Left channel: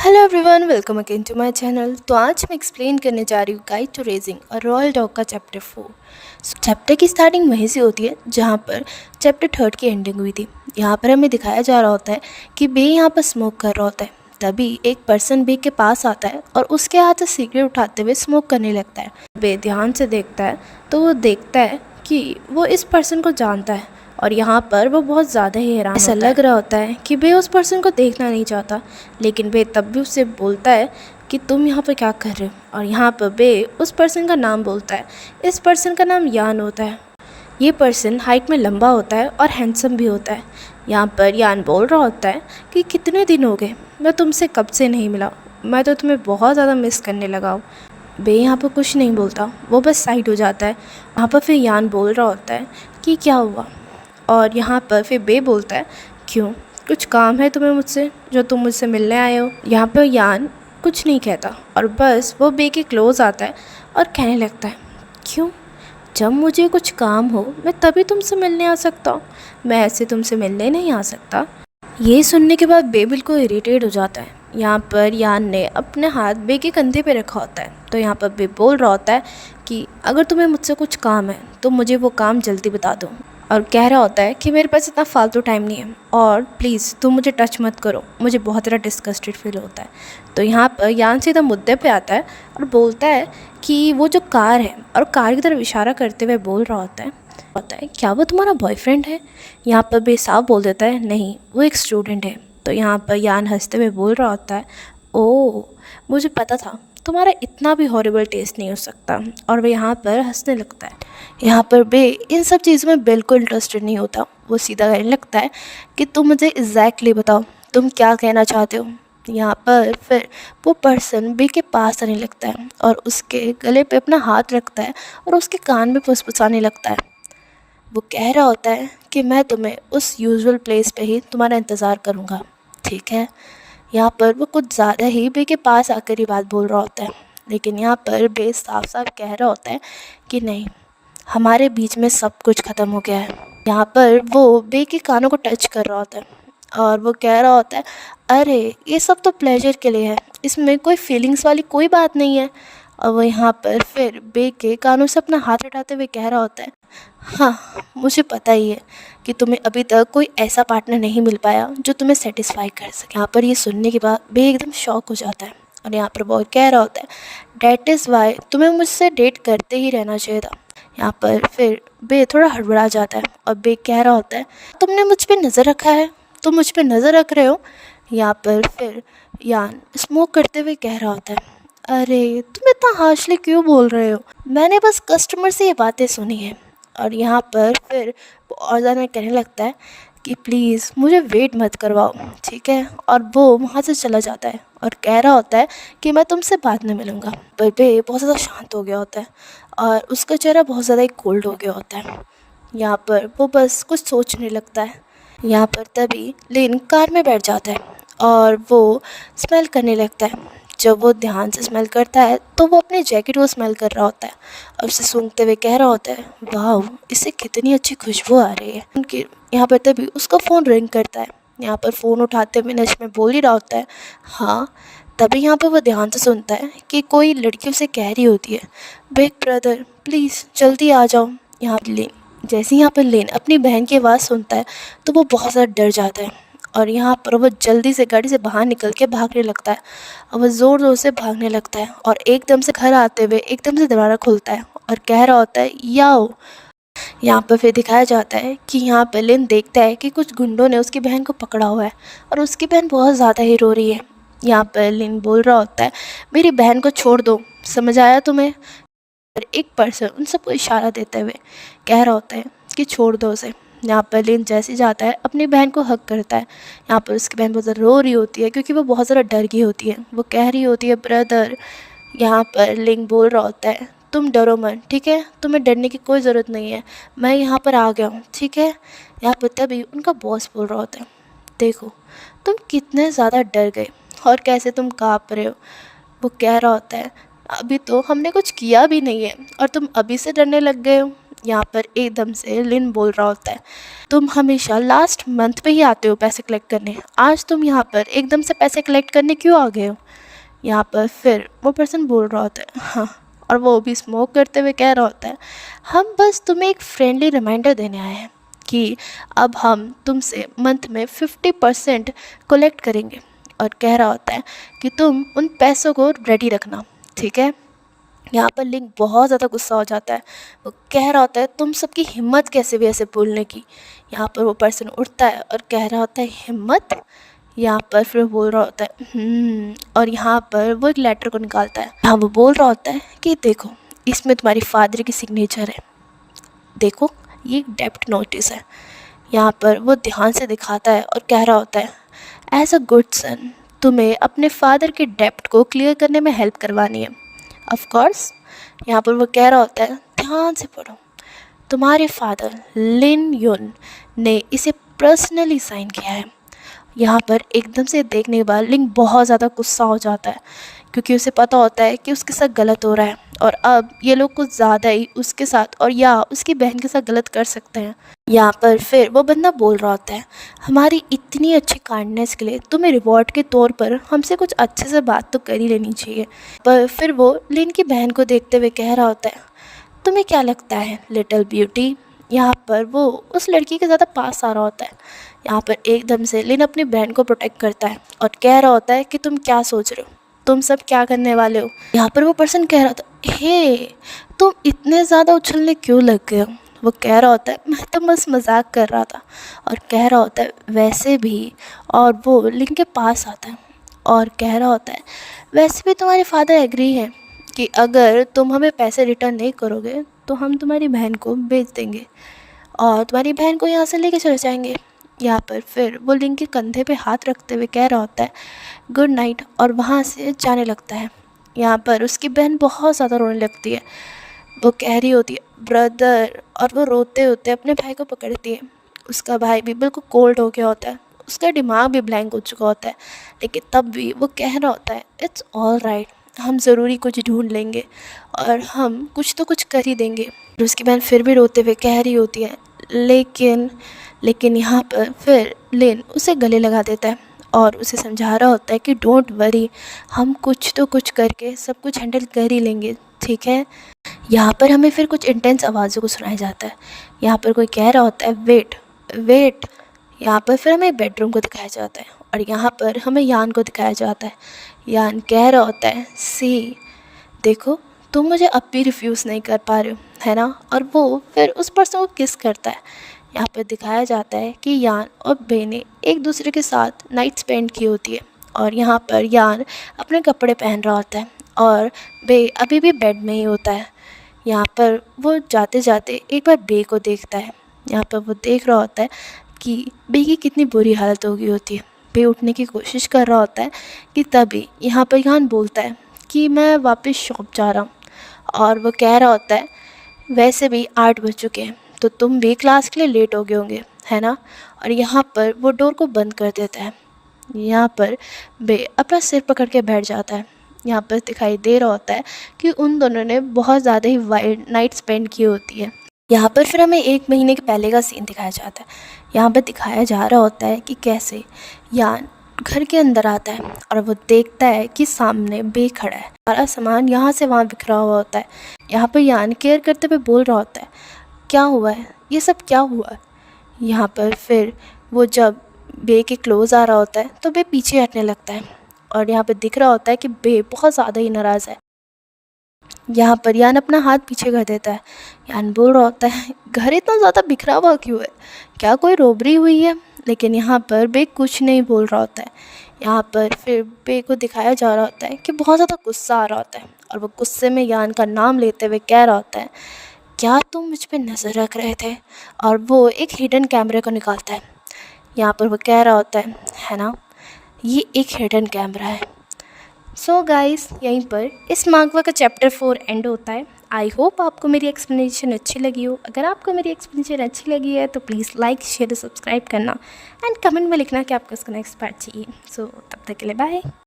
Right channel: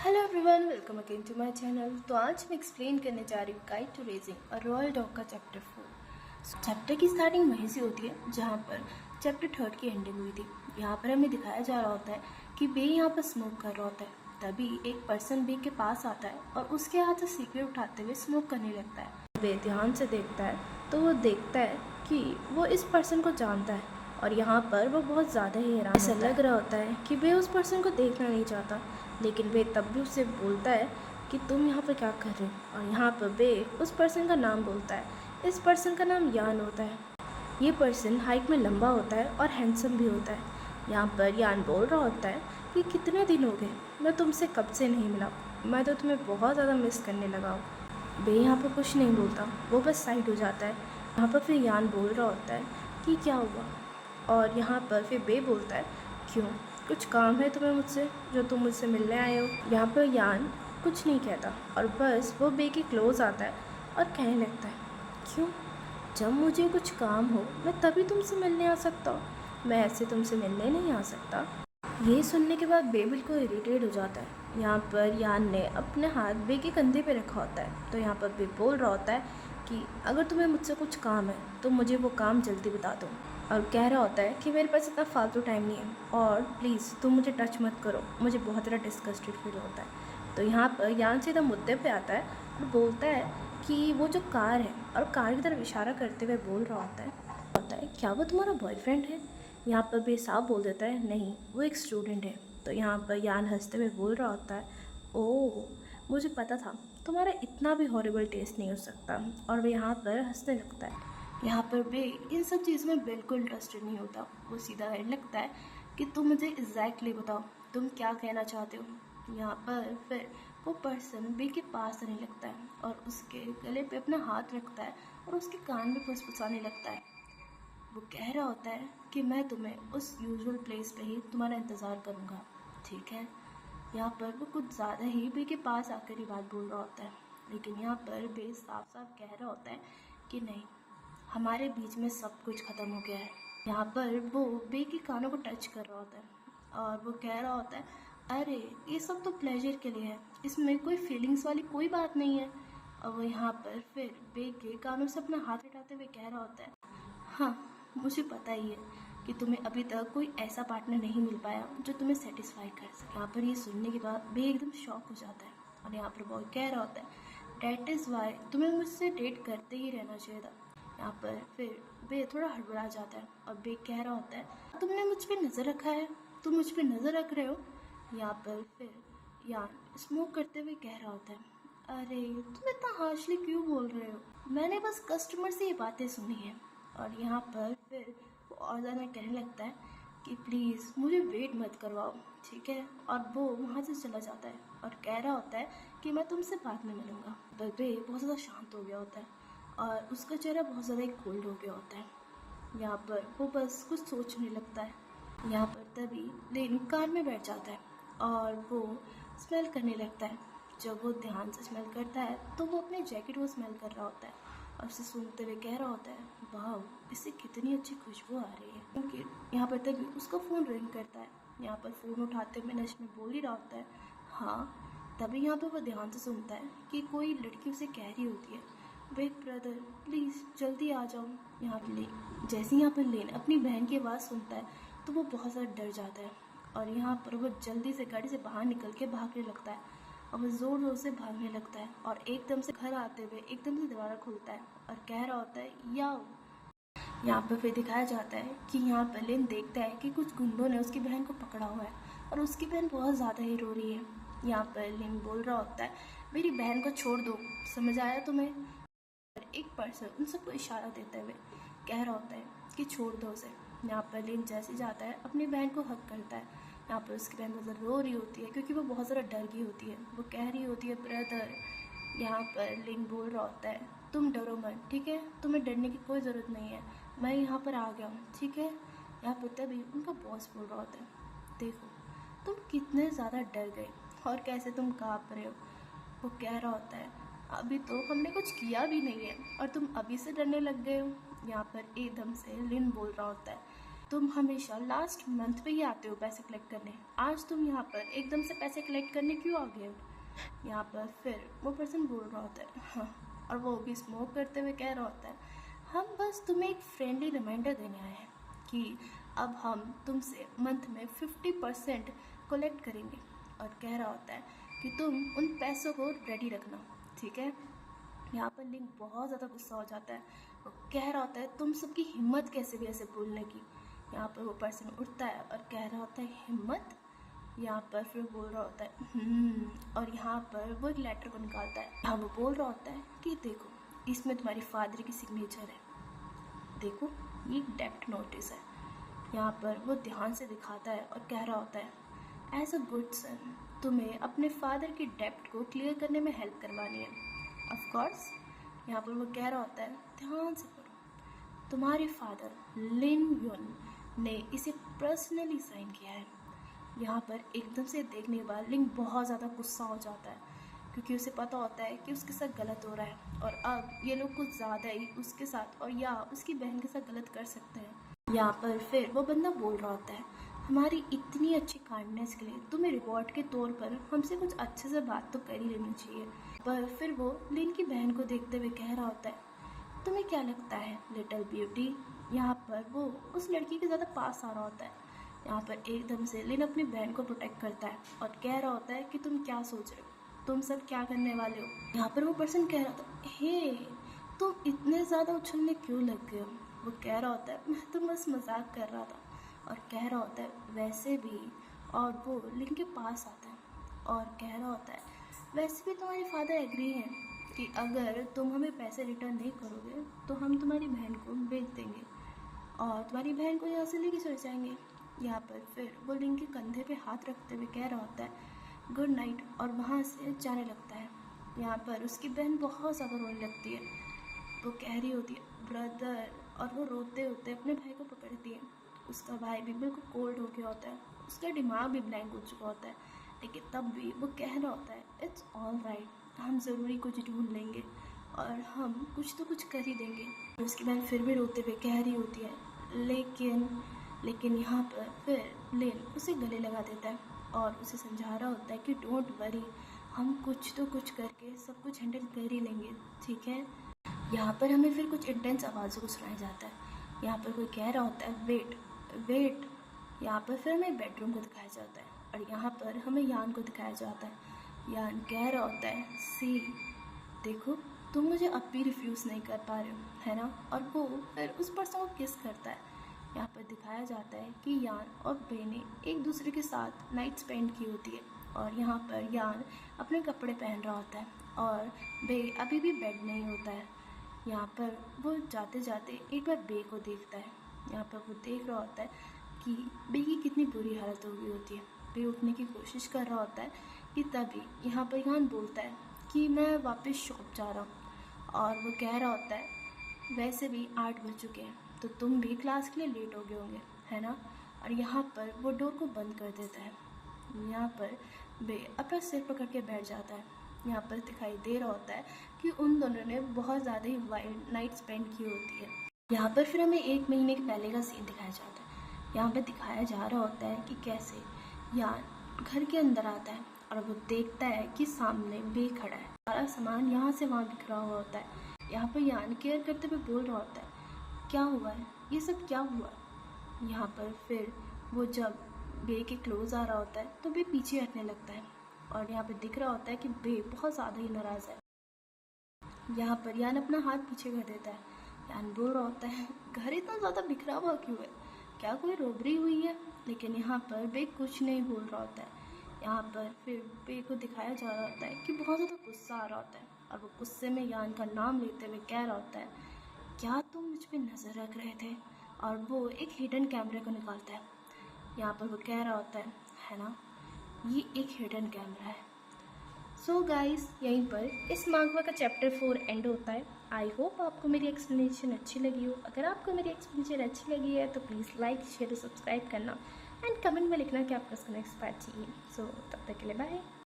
Hello everyone, welcome again to my channel. तो आज मैं एक्सप्लेन करने जा रही हूँ guide to raising a royal dog का चैप्टर 4। चैप्टर की स्टार्टिंग वहीं से होती है जहाँ पर चैप्टर 3 की एंडिंग हुई थी। यहाँ पर हमें दिखाया जा रहा होता है कि बे यहाँ पर स्मोक कर रहा होता है। तभी एक पर्सन बे के पास आता है और उसके हाथ से सिगरेट उठाते हुए स्मोक करने लगता है। बे ध्यान से देखता है तो वो देखता है कि वो इस पर्सन को जानता है और यहाँ पर वो बहुत ज़्यादा ही हैरान ऐसा लग रहा होता है कि बे उस पर्सन को देखना नहीं चाहता, लेकिन बे तब भी उससे बोलता है कि तुम यहाँ पर क्या कर रहे हो। और यहाँ पर बे उस पर्सन का नाम बोलता है। इस पर्सन का नाम यान होता है। ये पर्सन हाइट में लंबा होता है और हैंडसम भी होता है। यहाँ पर यान बोल रहा होता है कि कितने दिन हो गए, मैं तुमसे कब से नहीं मिला, मैं तो तुम्हें बहुत ज़्यादा मिस करने लगा हूँ। बे यहाँ पर कुछ नहीं बोलता, वो बस साइड हो जाता है। वहाँ पर फिर यान बोल रहा होता है कि क्या हुआ। और यहाँ पर फिर बे बोलता है, क्यों, कुछ काम है तुम्हें मुझसे जो तुम मुझसे मिलने आए हो। यहाँ पर यान कुछ नहीं कहता और बस वो बे के क्लोज आता है और कहने लगता है, क्यों, जब मुझे कुछ काम हो मैं तभी तुमसे मिलने आ सकता हूँ, मैं ऐसे तुमसे मिलने नहीं आ सकता। ये सुनने के बाद बे बिल्कुल इरिटेट हो जाता है। यहाँ पर यान ने अपने हाथ बे के कंधे पे रखा होता है। तो यहाँ पर बे बोल रहा होता है कि अगर तुम्हें मुझसे कुछ काम है तो मुझे वो काम जल्दी बता दो। और कह रहा होता है कि मेरे पास इतना फालतू टाइम नहीं है और प्लीज़ तुम मुझे टच मत करो, मुझे बहुत ज़्यादा डिस्गस्टेड फील होता है। तो यहाँ पर यान सीधा मुद्दे पे आता है और बोलता है कि वो जो कार है, और कार की तरफ इशारा करते हुए बोल रहा होता है क्या वो तुम्हारा बॉयफ्रेंड है। यहाँ पर बे साफ बोल देता है, नहीं, वो एक स्टूडेंट है। तो यहाँ पर यान हंसते हुए बोल रहा होता है, ओह, मुझे पता था तुम्हारा इतना भी हॉरिबल टेस्ट नहीं हो सकता। और वह यहाँ पर हंसने लगता है। यहाँ पर बे इन सब चीज़ों में बिल्कुल इंटरेस्टेड नहीं होता। वो सीधा कहने लगता है कि तुम मुझे एग्जैक्टली बताओ तुम क्या कहना चाहते हो। यहाँ पर फिर वो पर्सन बे के पास आने लगता है और उसके गले पे अपना हाथ रखता है और उसके कान में फुसफुसाने लगता है। वो कह रहा होता है कि मैं तुम्हें उस यूजुअल प्लेस पे ही तुम्हारा इंतज़ार करूँगा, ठीक है। यहाँ पर वो कुछ ज़्यादा ही बे के पास आकर ये बात बोल रहा होता है, लेकिन यहाँ पर बे साफ साफ कह रहा होता है कि नहीं, हमारे बीच में सब कुछ ख़त्म हो गया है। यहाँ पर वो बे के कानों को टच कर रहा होता है और वो कह रहा होता है, अरे ये सब तो प्लेजर के लिए है, इसमें कोई फीलिंग्स वाली कोई बात नहीं है। और वो यहाँ पर फिर बे के कानों से अपना हाथ हटाते हुए कह रहा होता है, हाँ, मुझे पता ही है कि तुम्हें अभी तक कोई ऐसा पार्टनर नहीं मिल पाया जो तुम्हें सेटिस्फाई कर सके। यहाँ पर ये सुनने के बाद बे एकदम शॉक हो जाता है और यहाँ पर वो कह रहा होता है, डैट इज़ वाई तुम्हें मुझसे डेट करते ही रहना चाहिए था। यहाँ पर फिर बे थोड़ा हड़बड़ा जाता है और बे कह रहा होता है, तुमने मुझ पर नज़र रखा है, तुम मुझ पर नज़र रख रहे हो। यहाँ पर फिर यान स्मोक करते हुए कह रहा होता है, अरे तुम इतना हार्शली क्यों बोल रहे हो, मैंने बस कस्टमर से ये बातें सुनी है। और यहाँ पर फिर वो और ज़्यादा कहने लगता है कि प्लीज़ मुझे वेट मत करवाओ, ठीक है। और वो वहाँ से चला जाता है और कह रहा होता है कि मैं तुमसे बाद में मिलूँगा। पर बे बहुत ज़्यादा शांत हो गया होता है और उसका चेहरा बहुत ज़्यादा ही कोल्ड हो गया होता है। यहाँ पर वो बस कुछ सोचने लगता है। यहाँ पर तभी लिन कार में बैठ जाता है और वो स्मेल करने लगता है। जब वो ध्यान से स्मेल करता है तो वो अपने जैकेट को स्मेल कर रहा होता है और उसे सूंघते हुए कह रहा होता है, वाह, इससे कितनी अच्छी खुशबू आ रही है। उनके यहाँ पर तभी उसका फ़ोन रिंग करता है। यहाँ पर फ़ोन उठाते हुए नश में बोल ही रहा होता है, हाँ। तभी यहाँ पर वो ध्यान से सुनता है कि कोई लड़की उसे कह रही होती है, बिग ब्रदर प्लीज़ जल्दी आ जाओ। यहाँ लेन जैसे ही यहाँ पर लेन अपनी बहन की आवाज़ सुनता है तो वो बहुत ज़्यादा डर जाता है और यहाँ पर वो जल्दी से गाड़ी से बाहर निकल के भागने लगता है और वह ज़ोर ज़ोर से भागने लगता है और एकदम से घर आते हुए एकदम से दरवाज़ा खुलता है और कह रहा होता है, याओ। यहाँ पर फिर दिखाया जाता है कि यहाँ पर लिन देखता है कि कुछ गुंडों ने उसकी बहन को पकड़ा हुआ है और उसकी बहन बहुत ज़्यादा ही रो रही है। यहाँ पर लिन बोल रहा होता है, मेरी बहन को छोड़ दो, समझ आया तुम्हें। एक पर्सन उन सबको इशारा देते हुए कह रहा होता है कि छोड़ दो उसे। यहाँ पर लिन जैसे जाता है अपनी बहन को हक करता है। यहाँ पर उसकी बहन बहुत ज़्यादा रो रही होती है क्योंकि वो बहुत ज़्यादा डर गई होती है। वो कह रही होती है, ब्रदर। यहाँ पर लिंग बोल रहा होता है, तुम डरो मत, ठीक है, तुम्हें डरने की कोई ज़रूरत नहीं है, मैं यहाँ पर आ गया हूँ, ठीक है। यहाँ पर तभी उनका बॉस बोल रहा होता है, देखो तुम कितने ज़्यादा डर गए और कैसे तुम काँप रहे हो। वो कह रहा होता है, अभी तो हमने कुछ किया भी नहीं है और तुम अभी से डरने लग गए हो। यहाँ पर एकदम से लिन बोल रहा होता है, तुम हमेशा लास्ट मंथ पे ही आते हो पैसे कलेक्ट करने, आज तुम यहाँ पर एकदम से पैसे कलेक्ट करने क्यों आ गए हो। यहाँ पर फिर वो पर्सन बोल रहा होता है, हाँ, और वो भी स्मोक करते हुए कह रहा होता है, हम बस तुम्हें एक फ्रेंडली रिमाइंडर देने आए हैं कि अब हम तुमसे मंथ में 50% कलेक्ट करेंगे। और कह रहा होता है कि तुम उन पैसों को रेडी रखना, ठीक है। यहाँ पर लिंक बहुत ज़्यादा गुस्सा हो जाता है। वो कह रहा होता है, तुम सबकी हिम्मत कैसे भी ऐसे बोलने की। यहाँ पर वो पर्सन उठता है और कह रहा होता है, हिम्मत। यहाँ पर फिर बोल रहा होता है और यहाँ पर वो एक लेटर को निकालता है। हाँ, वो बोल रहा होता है कि देखो, इसमें तुम्हारी फादर की सिग्नेचर है, देखो ये एक डेब्ट नोटिस है। यहाँ पर वो ध्यान से दिखाता है और कह रहा होता है, एज अ गुड सन तुम्हें अपने फादर के डेब्ट को क्लियर करने में हेल्प करवानी है। Of course. यहाँ पर वो कह रहा होता है, ध्यान से पढ़ो, तुम्हारे फादर लिन युन ने इसे पर्सनली साइन किया है। यहाँ पर एकदम से देखने के बाद लिंग बहुत ज़्यादा गुस्सा हो जाता है, क्योंकि उसे पता होता है कि उसके साथ गलत हो रहा है और अब ये लोग कुछ ज़्यादा ही उसके साथ और या उसकी बहन के साथ गलत कर सकते हैं। यहाँ पर फिर वो बंदा बोल रहा होता है, हमारी इतनी अच्छी काइंडनेस के लिए तुम्हें रिवॉर्ड के तौर पर हमसे कुछ अच्छे से बात तो कर ही लेनी चाहिए। पर फिर वो लिन की बहन को देखते हुए कह रहा होता है, तुम्हें क्या लगता है लिटिल ब्यूटी। यहाँ पर वो उस लड़की के ज़्यादा पास आ रहा होता है। यहाँ पर एकदम से लिन अपनी बहन को प्रोटेक्ट करता है और कह रहा होता है कि तुम क्या सोच रहे हो, तुम सब क्या करने वाले हो। यहाँ पर वो पर्सन कह रहा था, हे तुम इतने ज़्यादा उछलने क्यों लग गए हो। वो कह रहा होता है, मैं तो बस मजाक कर रहा था। और कह रहा होता है, वैसे भी। और वो लिन के पास आता है और कह रहा होता है, वैसे भी तुम्हारे फादर एग्री हैं कि अगर तुम हमें पैसे रिटर्न नहीं करोगे तो हम तुम्हारी बहन को बेच देंगे और तुम्हारी बहन को यहाँ से लेके चले जाएंगे। यहाँ पर फिर वो लिंग के कंधे पे हाथ रखते हुए कह रहा होता है, गुड नाइट, और वहाँ से जाने लगता है। यहाँ पर उसकी बहन बहुत ज़्यादा रोने लगती है। वो कह रही होती है, ब्रदर, और वो रोते होते अपने भाई को पकड़ती है। उसका भाई भी बिल्कुल कोल्ड हो गया होता है, उसका दिमाग भी ब्लैंक हो चुका होता है, लेकिन तब भी वो कह रहा होता है, इट्स ऑल राइट, हम ज़रूरी कुछ ढूंढ लेंगे और हम कुछ तो कुछ कर ही देंगे। और उसकी बहन फिर भी रोते हुए कह रही होती है, लेकिन यहाँ पर फिर लिन उसे गले लगा देता है और उसे समझा रहा होता है कि डोंट वरी, हम कुछ तो कुछ करके सब कुछ हैंडल कर ही लेंगे, ठीक है। यहाँ पर हमें फिर कुछ इंटेंस आवाज़ों को सुनाया जाता है। यहाँ पर कोई कह रहा होता है, वेट वेट। यहाँ पर फिर हमें बेडरूम को दिखाया जाता है और यहाँ पर हमें यान को दिखाया जाता है। यान कह रहा होता है, सी देखो, तुम मुझे अब भी रिफ्यूज़ नहीं कर पा रहे हो, है ना। और वो फिर उस पर्सन को किस करता है। यहाँ पर दिखाया जाता है कि यान और बे ने एक दूसरे के साथ नाइट स्पेंड की होती है और यहाँ पर यान अपने कपड़े पहन रहा होता है और बे अभी भी बेड में ही होता है। यहाँ पर वो जाते जाते एक बार बे को देखता है। यहाँ पर वो देख रहा होता है कि बे की कितनी बुरी हालत हो गई होती है। बे उठने की कोशिश कर रहा होता है कि तभी यहाँ पर यान बोलता है कि मैं वापस शॉप जा रहा हूँ। और वो कह रहा होता है, वैसे भी 8 बज चुके हैं तो तुम भी क्लास के लिए लेट हो गए होंगे, है ना। और यहाँ पर वो डोर को बंद कर देता है। यहाँ पर बे अपना सिर पकड़ के बैठ जाता है। यहाँ पर दिखाई दे रहा होता है कि उन दोनों ने बहुत ज़्यादा ही वाइल्ड नाइट स्पेंड की होती है। यहाँ पर फिर हमें 1 महीने के पहले का सीन दिखाया जाता है। यहाँ पर दिखाया जा रहा होता है कि कैसे यान घर के अंदर आता है और वो देखता है कि सामने बे खड़ा है। सारा सामान यहाँ से वहाँ बिखरा हुआ होता है। यहाँ पर यान केयर करते हुए बोल रहा होता है, क्या हुआ है, ये सब क्या हुआ। यहाँ पर फिर वो जब बे के क्लोज़ आ रहा होता है तो बे पीछे हटने लगता है और यहाँ पर दिख रहा होता है कि बे बहुत ज़्यादा ही नाराज़ है। यहाँ पर यान अपना हाथ पीछे कर देता है। यान बोल रहा होता है, घर इतना ज़्यादा बिखरा हुआ क्यों है, क्या कोई रॉबरी हुई है। लेकिन यहाँ पर बे कुछ नहीं बोल रहा होता है। यहाँ पर फिर बे को दिखाया जा रहा होता है कि बहुत ज़्यादा गुस्सा आ रहा होता है और वो गुस्से में यान का नाम लेते हुए कह रहा होता है, क्या तुम मुझ पर नज़र रख रहे थे। और वो एक हिडन कैमरे को निकालता है। यहाँ पर वो कह रहा होता है ना, ये एक हिडन कैमरा है। सो गाइस, यहीं पर इस मांगवा का चैप्टर 4 एंड होता है। आई होप आपको मेरी एक्सप्लेनेशन अच्छी लगी हो। अगर आपको मेरी एक्सप्लेनेशन अच्छी लगी है तो प्लीज़ लाइक शेयर सब्सक्राइब करना एंड कमेंट में लिखना कि आपको इसका नेक्स्ट पार्ट चाहिए। सो तब तक के लिए बाय।